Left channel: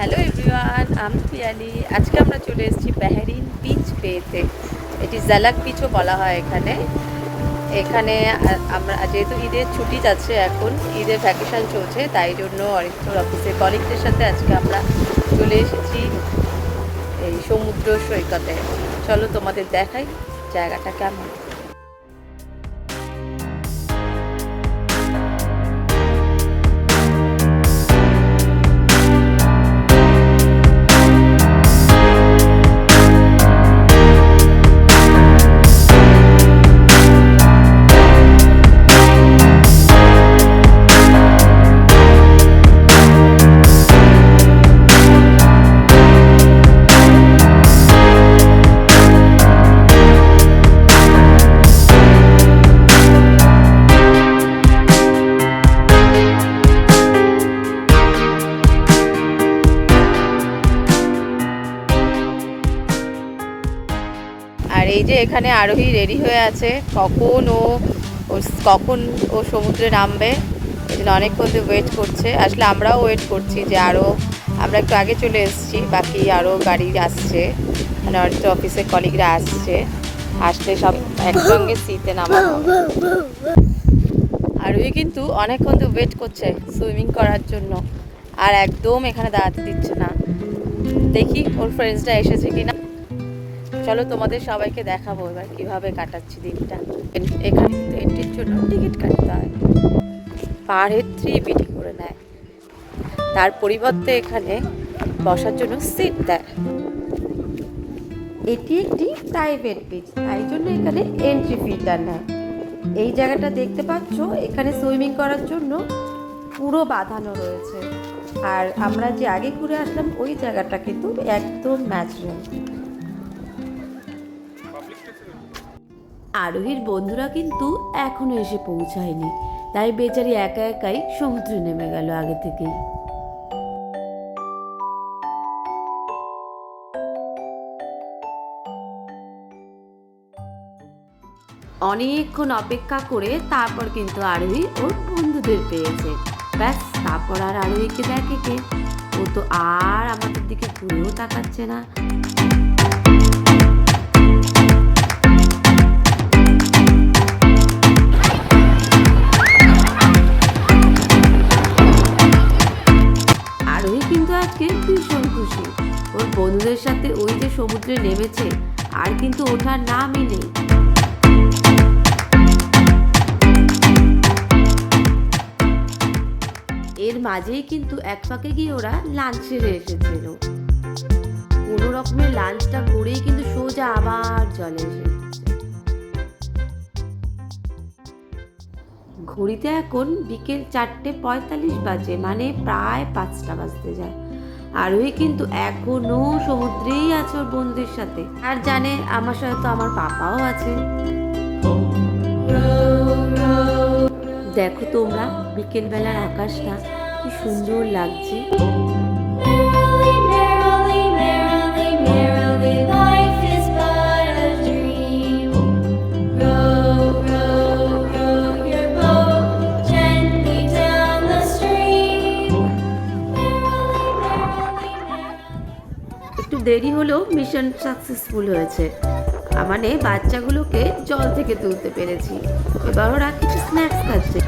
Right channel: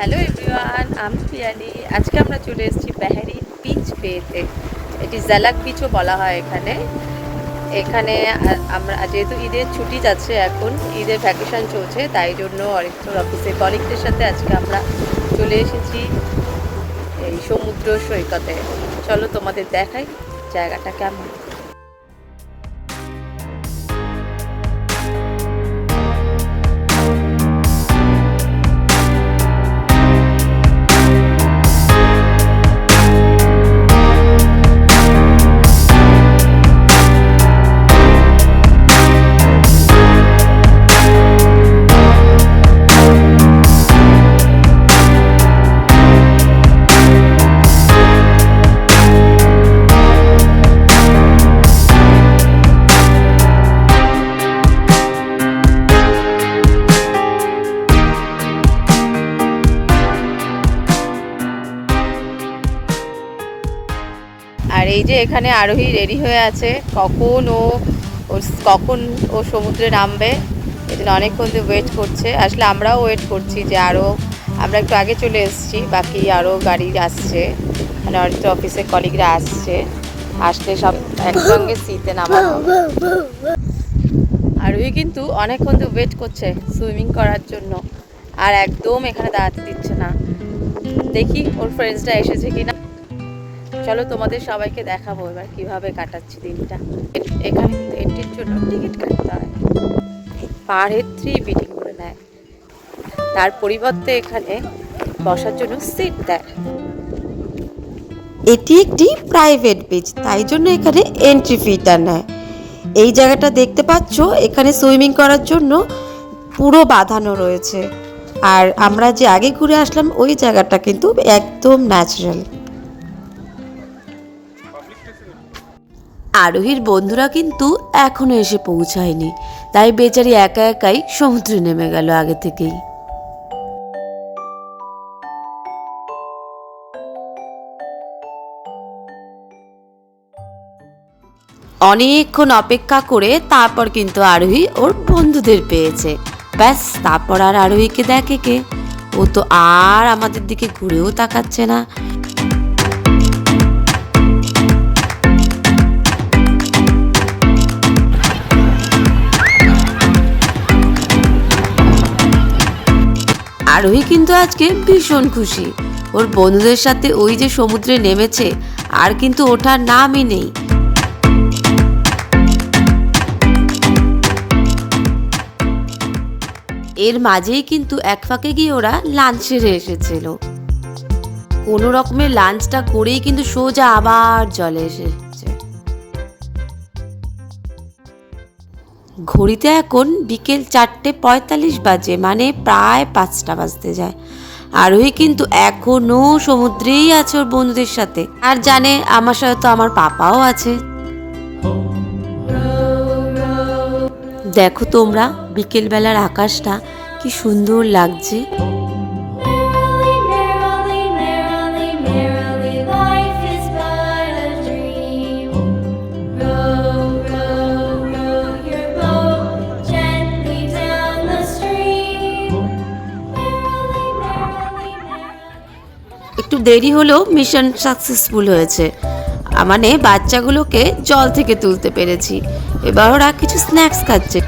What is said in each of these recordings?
Hello everyone, আমি পিয়ালি। আজকে আমরা চলে এসেছি বেহরিন বিচ বেতে। এটি জালাক বিচও বলা হয় এখানে। এখানে আমরা যেহেতু ঈদের ছুটি যাচ্ছে, এখন ঈদের ভ্যাকেশন চলছে, তাই জন্য অরিত্র অফিসের কলিগদের সাথে আজকে আমরা চলে এসেছি এই সমুদ্র সৈকতে। চলো তোমাদের দেখাই জায়গাটা কেমন। আর এই যে এখানে আরোহী রেডি হয়ে আছে, কখন ও সমুদ্রে নামবে, এই জন্য অনেকক্ষণ ধরে ওয়েট করছে। আসলে আমরাও ওয়েট করছি যে আমরা একটু আগে চলে এসেছি, বাকি আরও গাড়ি আসছে, মানে অরিত্র অফিসের কলিগরা আসলে সব একসঙ্গে সিতে নামানো। আরোহী কিন্তু অনেকক্ষণ ধরে ওয়েট করছে সুইমিং করার জন্য, আর একদম এখানে দাঁড়াতে দিচ্ছে না। দেখি ওর ফ্রেন্ডসরা এসেছে কিনা। চলো তোমাদের সবাইকে দেখাবো এবার কিভাবে কাটাচ্ছি দিনটা। এখানে এন্ট্রির জন্য টিকিট কাটতে হয়, পার হেড 3 বিডি করে নেয়। তার পরিবর্তে এখানে বসার জন্য সিট দেয়। এটি একটি প্রাইভেট বিচ, তাই জন্য এখানে এন্ট্রি ফিটা নেয়। এই জায়গাটা দেখতে পাচ্ছ, এখানে সুইমিং করার জন্য পুরো বাঁধানো রয়েছে। আর আমরা যে আগে ঘুরে আসলাম ওই জায়গাটা কিন্তু একদম ন্যাচারাল। আরোহীর বন্ধুরা কিন্তু এখনো এসে পৌঁছায়নি, তাই বেচারি একা একাই সমুদ্রে নেমে গেল আগে থেকেই। অনেকক্ষণ অপেক্ষা করে তারপর কিন্তু আরোহী ওর বন্ধুদের পেয়েছে। ব্যাস, তারপর আর আরোহীকে দেখে কে? ও তো আর আমাদের দিকে ঘুরেও তাকাচ্ছে না। আরোহী কিন্তু আজকে ভীষণ খুশি। ওর বন্ধুদের সাথে ওই যে সমুদ্রে নেমেছে, আর কিন্তু ওঠার নামই নেই। এর মাঝেই কিন্তু এক ফাঁকে গিয়ে ওরা লাঞ্চ সেরে এসেছিল। কোনো রকমের লাঞ্চটা করেই কিন্তু সোজা আবার জলে এসেছে। ঘড়িতে এখন বিকেল 4:45 বাজে, মানে প্রায় 5টা বাজতে যায়। আরোহী কিন্তু এখনো সমুদ্রেই আছে ওর বন্ধুদের সাথে, আর জানে আমার সাথে তো আমার পাপাও আছে। দেখো তোমরা, বিকেল বেলার আকাশটা কি সুন্দর লাগছে। একটু দেরি হলেও মিশন সাকসেসফুল হয়েছে, মানে বাচ্চাগুলোকে জল থেকে তুলতে পেরেছি। এবার ওরা কিছু স্ন্যাক্স খাচ্ছে।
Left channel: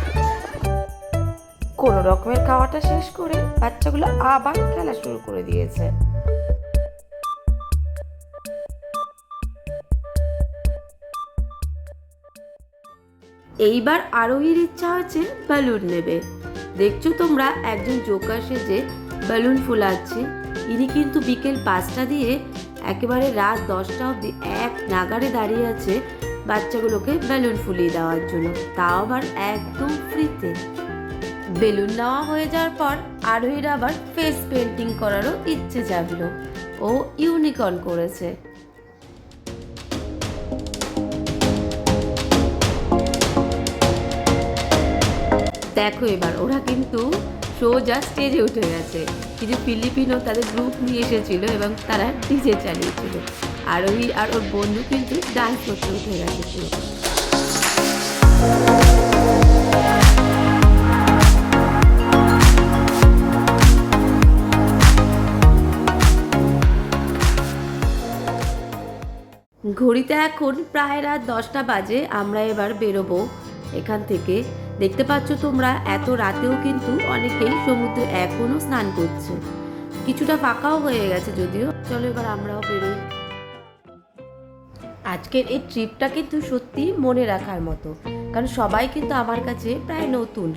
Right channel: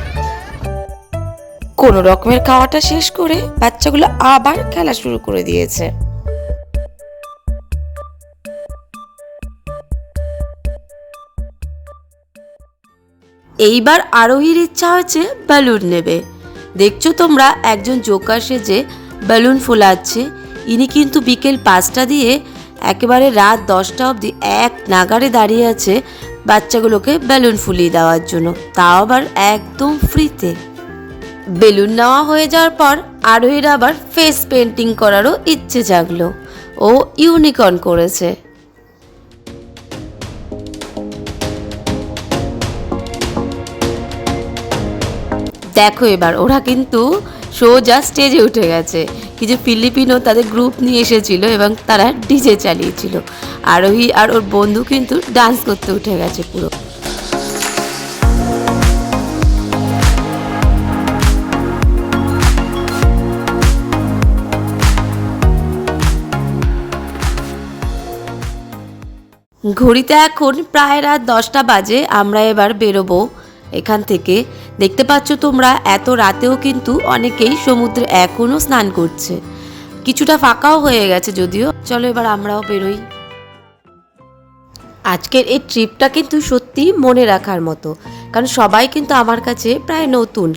কোনো রকমের খাওয়াটা শেষ করে বাচ্চাগুলো আবার খেলা শুরু করে দিয়েছে। এইবার আরোহীর ইচ্ছা হয়েছে বেলুন নেবে। দেখছো তোমরা, একজন জোকার সেজে বেলুন ফোলাচ্ছে। ইনি কিন্তু বিকেল 5টা দিয়ে একেবারে রাত 10টা অবধি এক নাগাড়ে দাঁড়িয়ে আছে বাচ্চাগুলোকে বেলুন ফুলিয়ে দেওয়ার জন্য, তাও আবার একদম ফ্রিতে। বেলুন নেওয়া হয়ে যাওয়ার পর আরোহীর আবার ফেস পেন্টিং করারও ইচ্ছে জাগলো। ও ইউনিকর্ন করেছে। দেখো এবার ওরা কিন্তু সোজা স্টেজে উঠে গেছে। কিছু ফিলিপিনো তাদের গ্রুপ নিয়ে এসেছিল এবং তারা ডিজে চালিয়েছিল। আরোহী আর ওর বন্ধু কিন্তু ডান্স করতে উঠে গেছে পুরো। ঘড়িতে এখন প্রায় রাত 10টা বাজে। আমরা এবার বেরোবো এখান থেকে। দেখতে পাচ্ছ তোমরা এত রাতেও কিন্তু অনেকেই সমুদ্রে এখনো স্নান করছে। কিছুটা ফাঁকাও হয়ে গেছে যদিও। চলো এবার আমরাও বেরোই। আজকের এই ট্রিপটা কিন্তু সত্যি মনে রাখার মতো, কারণ সবাই কিন্তু আমার কাছে প্রায় নতুন,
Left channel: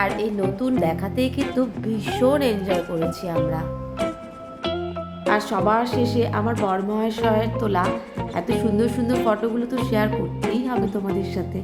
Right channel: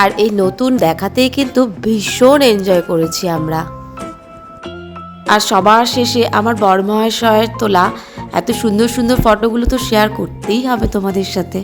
আর এই নতুন দেখাতেই কিন্তু ভীষণ এনজয় করেছি আমরা। আর সবার শেষে আমার বড় মহাশয়ের তোলা এত সুন্দর সুন্দর ফটোগুলো তো শেয়ার করতেই হবে তোমাদের সাথে।